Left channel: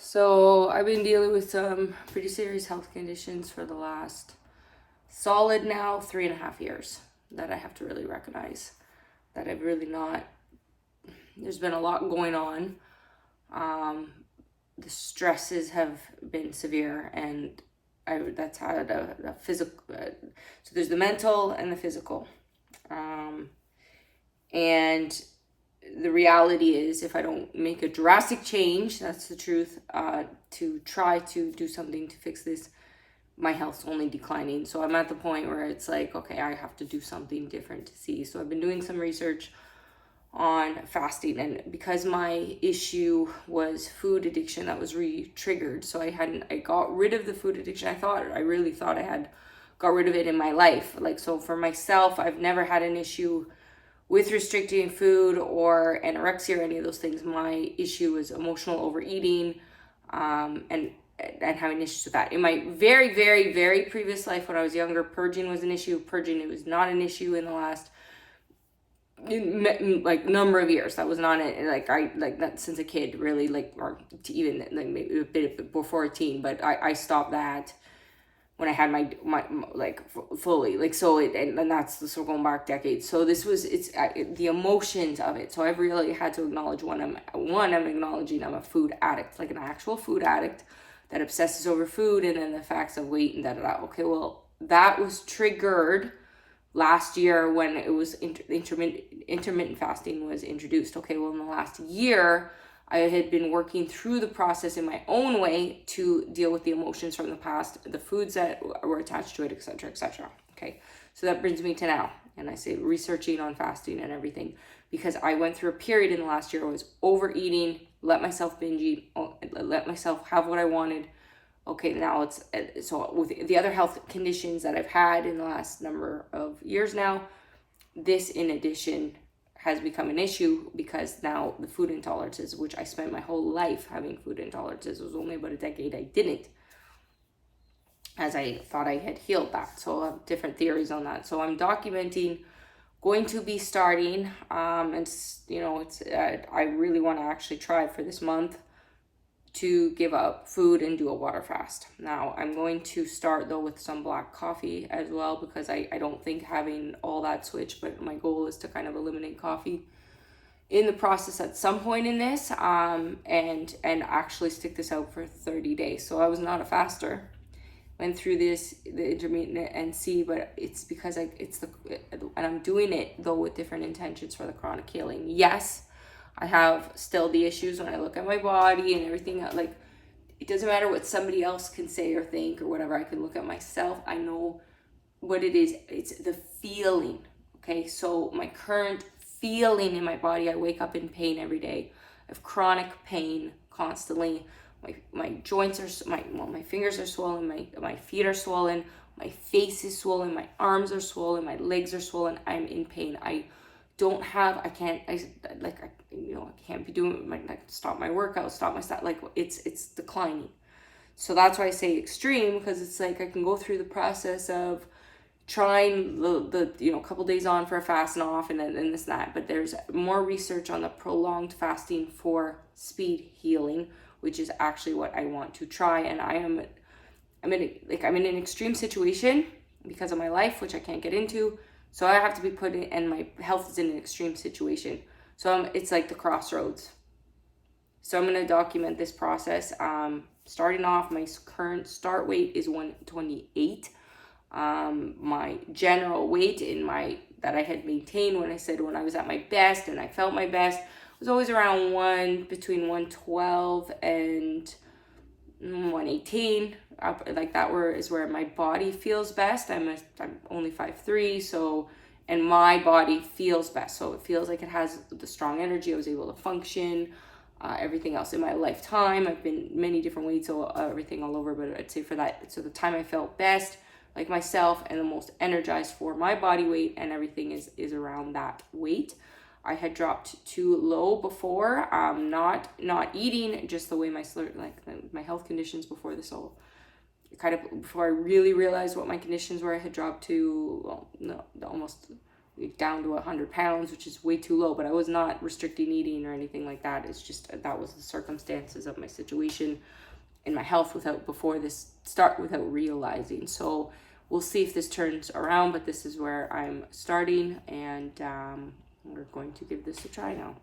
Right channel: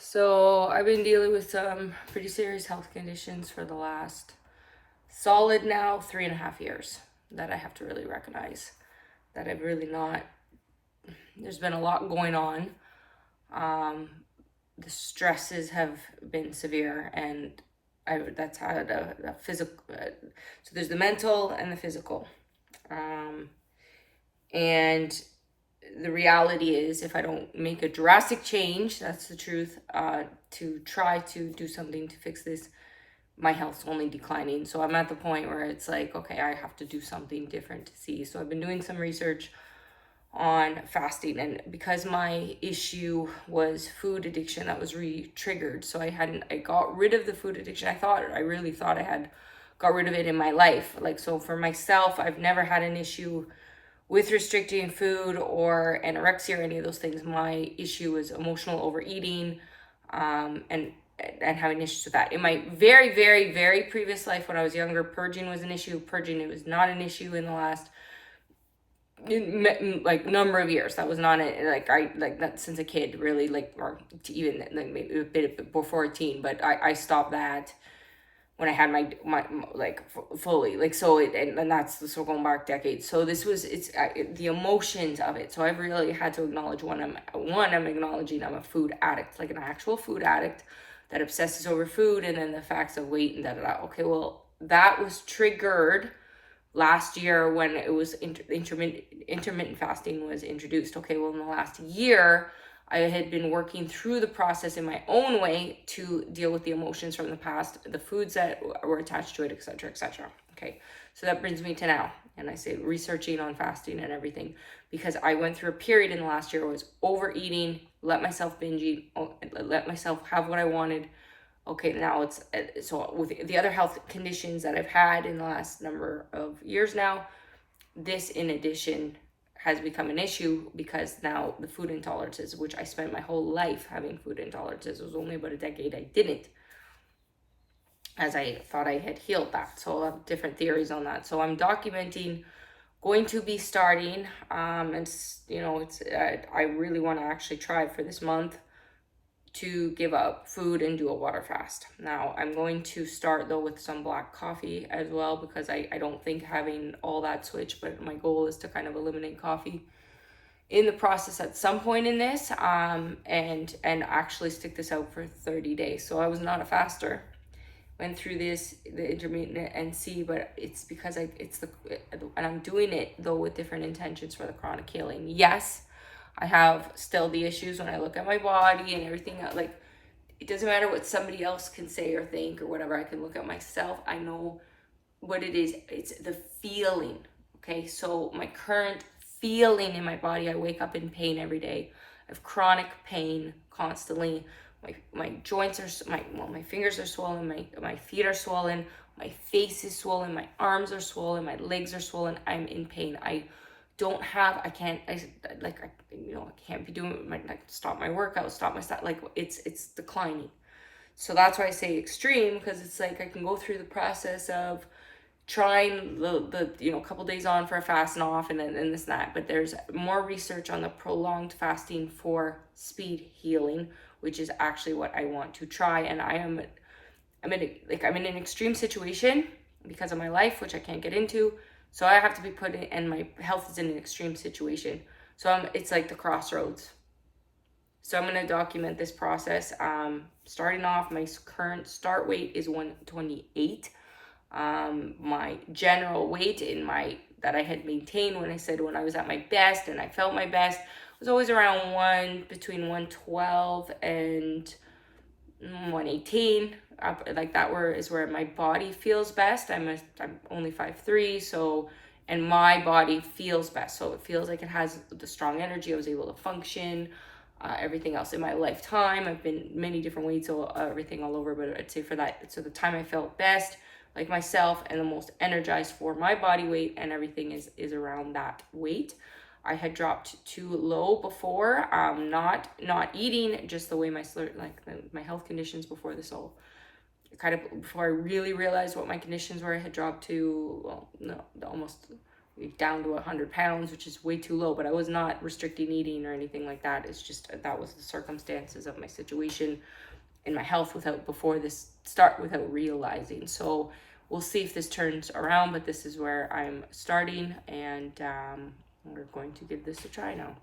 So I've been dealing with some pretty serious health conditions for the last solid now 3.5 years that I have to really recognize that I've really not, there's been a lot going on. The stresses have been severe, and that's how the physical, so there's the mental and the physical. And the reality is, if I don't make a drastic change, that's the truth, to try to do something to fix this, my health's only declining. So I'm at the point where it's like, okay, I have to do something different to see. So I've been doing some research on fasting, and because my issue was food addiction, that was re-triggered. So I got rid of the food addiction. I really thought I had got rid of it in my life. Like, so for myself, I've never had an issue with restricting food or anorexia or any of those things. My issue was emotional overeating, and having issues with that. In my very, very, very previous life, when I was younger, purging was an issue. Purging, it was not an issue in the last like number of years. That was not it. Like that since a kid, really, like, or even like maybe a bit before a teen. But I stopped that when I had my like fully, like, so and that's so going back decades. So this was, it's the emotions of it. So I've really had to acknowledge I'm acknowledging I'm a food addict, like an actual food addict that obsesses over food, and then the facts of weight and da. Okay, well, that was triggered last year when it was intermittent fasting was introduced. Okay, well, in the last year, I had been working through the process in my own way to deal with the emotions from the past, the foods that were attached to it, etc., etc. Okay, so that brings me to now, and I say researching on fasting and everything, because I went through a period in the last year where I was overeating, let myself binge eat, let myself have what I wanted. Okay, now it's, so with the other health conditions that I've had in the last number of years now, this in addition has become an issue, because now the food intolerances, which I spent my whole life having food intolerances, it was only about a decade I didn't, as I thought I had healed that. So I have different theories on that. So I'm documenting, going to be starting, and it's I really want to actually try for this month to give up food and do a water fast. Now I'm going to start though with some black coffee as well, because I don't think having all that switch, but my goal is to kind of eliminate coffee in the process at some point in this, and actually stick this out for 30 days. So I was not a faster, went through the intermittent and see, but it's because and I'm doing it though with different intentions for the chronic healing. Yes, I have still the issues when I look at my body and everything. Like, it doesn't matter what somebody else can say or think or whatever. I can look at myself. I know what it is. It's the feeling. Okay, so my current feeling in my body, I wake up in pain every day. I have chronic pain constantly. My joints are, my fingers are swollen. My feet are swollen. My face is swollen. My arms are swollen. My legs are swollen. I'm in pain. I can't be doing stop my workout, stop my stuff, like it's declining. So that's why I say extreme, because it's like I can go through the process of trying the couple days on for a fast and off, and then this and that, but there's more research on the prolonged fasting for speed healing, which is actually what I want to try. And I'm in an extreme situation because of my life, which I can't get into. So I have to be put in, and my health is in an extreme situation. So it's like the crossroads. So I'm going to document this process. Starting off, my current start weight is 128. My general weight that I had maintained when I was at my best and I felt my best was always around between 112 and 118. Like that is where my body feels best. I'm only 5'3", so, and my body feels best, so it feels like it has the strong energy. I was able to function, everything else in my lifetime. I've been many different weights, so everything all over, but I'd say for that, so the time I felt best, like myself, and the most energized for my body weight and everything is around that weight. I had dropped too low before, not eating, just the way my health conditions before this all kind of, before I really realized what my conditions were, I had dropped to almost down to 100 pounds, which is way too low, but I was not restricting eating or anything like that. It's just, that was the circumstances of my situation and my health without realizing. So we'll see if this turns around, but this is where I'm starting, and we're going to give this a try now.